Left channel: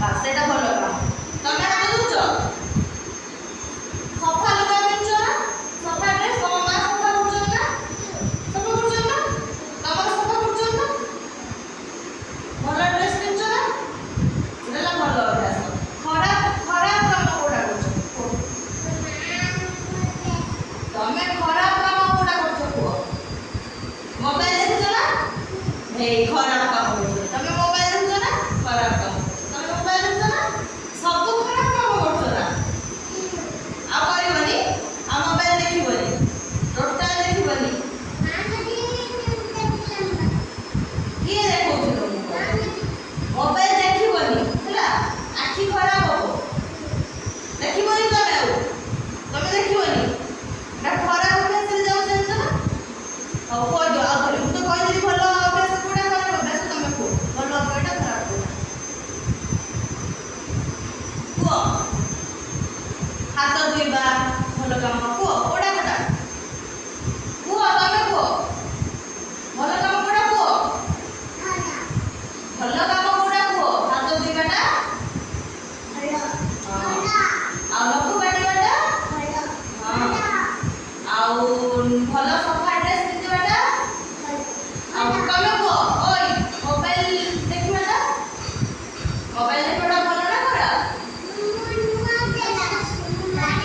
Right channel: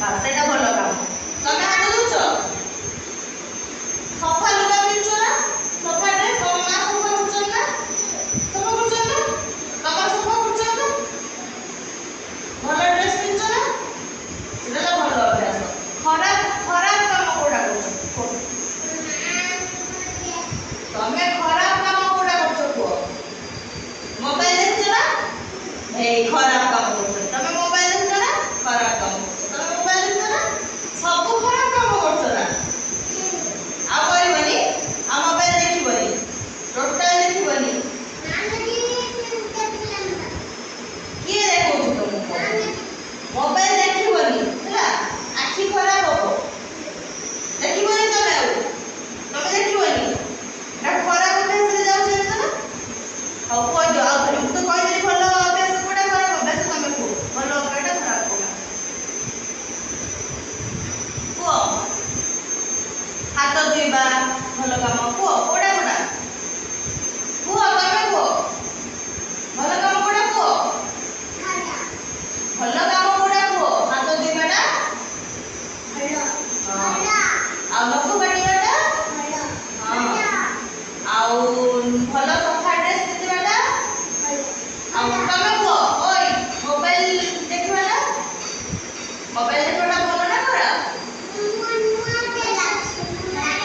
ସେଇଟା ଭଲ କାମ। ତମେ ହାତ ଧୋଉଛ, ସଫା ଲୁଗା ପିନ୍ଧୁଛ ନା, ସଫା ଡ୍ରେସ୍ ତମ ମା ସଫା କରୁଛନ୍ତି ନା, ସଫା କରୁଛନ୍ତି ନା, ତମର ସଫା କରୁଛନ୍ତି ନା, ଭଲ ଡ୍ରେସ୍ ପିନ୍ଧୁଛ ନା, ସେଟା ହେଲା ଭଲ ଅଭ୍ୟାସ। ଖରାପ ଖରାପ କାମ କୋଉଟା କରୁଛ କୁହ? ତମେ ଖରାପ କାମ କୋଉଟା କରୁଛ କୁହ? ମୋବାଇଲ ଦେଖୁଛ ନା, ଏଇ ଖରାପ କାମ କରୁଛ। ତମେ ମୋବାଇଲ ଦେଖୁଛ ନା, ଖରାପ କାମ କରୁଛ। ତମେ ମୋବାଇଲ ଦେଖୁଛ ନା, ସବୁ ଖରାପ କାମ କରୁଛ ନା। ଆଉ କରିବନି, ଆଉ ମୋବାଇଲ ଦେଖିବନି, ଟୋଟାଲ ଦେଖିବନି। କିଏ ଦେଖଉଛି ତମକୁ? ମୋବାଇଲ ଦେଖିବନି ହେଲା, ଆଖି ଖରାପ ହବ। ଦେଖିବନି ତମେ, ଆଉ ତମେ ଦେଖିବନି, ଏଟା ଖରାପ ଅଭ୍ୟାସରେ ଯାଉଛ ଜାଣିଛ ନା। ହଉ କହିଦିଅ ଆଉ ଥରେ, ମୁଁ ତ କହିଦେଲି ଭଲ ଅଭ୍ୟାସ କୋଉଟା, ଖରାପ ଅଭ୍ୟାସ। ତମେ କୁହ ଭଲ ଅଭ୍ୟାସଟା, ଖରାପ କୋଉଟା କୁହ? ହାତ ଧୋଇବା ଭଲ କାମ କୁହ, କୋଉଟା କୋଉଟା କୁହ? ତମେ କୁହ ଭଲ କାମ କୋଉଟା କୁହ? ଭଲ କାମ କୋଉଟା କୁହ? ହାତ ଧୋଇବାଟା ଭଲ। ଆଉ ନଖ କାଟିବାଟା ଭଲ। ଆଉ ଭଲ ସଫା ଡ୍ରେସ୍ ପିନ୍ଧିବାଟା ଭଲ। ଆଉ ତମେ କୁହ, ଓଇ ମୋବାଇଲ ଦେଖିବାଟା, ମୋବାଇଲ ଦେଖିବାଟା ଭଲ ନା ଖରାପ?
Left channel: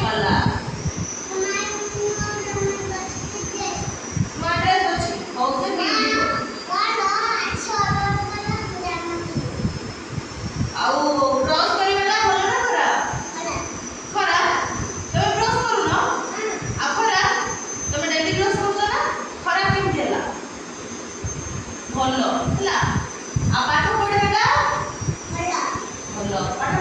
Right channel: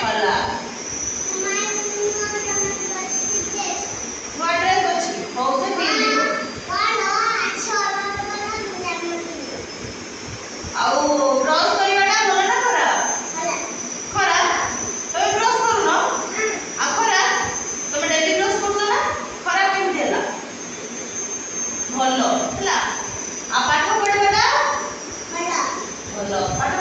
ଭଲ। ନୂଆ ଡ୍ରେସ୍ ଅଛି, ହଉ ସେ ପିନ୍ଧିବୁ। ଆଉ ବ୍ରଶ କରିବାଟା ଭଲ ନା ଖରାପ? ଖରାପ। ତମେ ବ୍ରଶ କରୁନ, ଆଉ ଖରାପ। ତମେ ଡେଲି ବ୍ରଶ କରୁଛ ନା, ଖରାପ କେମିତି ହେଲା? ଭଲ ହେଲା। ଆଉ ପାଠ ପଢିବାଟା ଭଲ। ପାଠ